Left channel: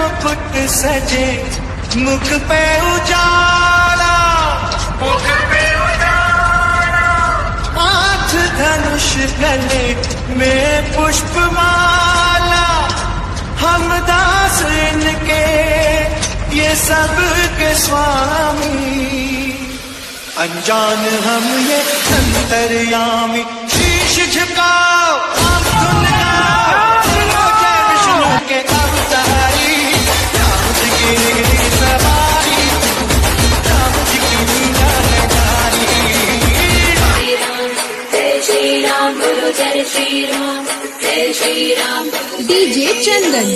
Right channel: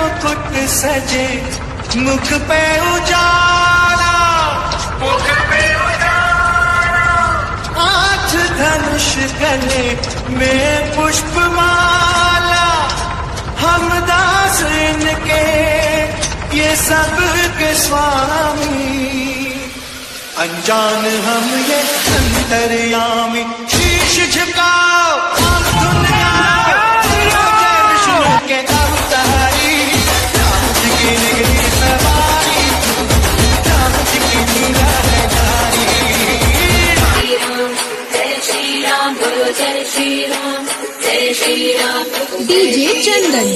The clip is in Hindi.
मुकुट सजे, मुख पे उजाला, मुख पे उजाला, हाथ धनुष गले में पुष्पमाला। हम दास इनके ये सब के स्वामी, अनजान हम ये अंतर्यामी। शीश झुकाओ हम धुन गाओ, जय विष्णु के अवतारी, राम जी की निगरी सवारी, राम जी की लीला है नारी। जय श्री राम गुरु जय श्री राम, जय श्री राम। डीजे चंदन।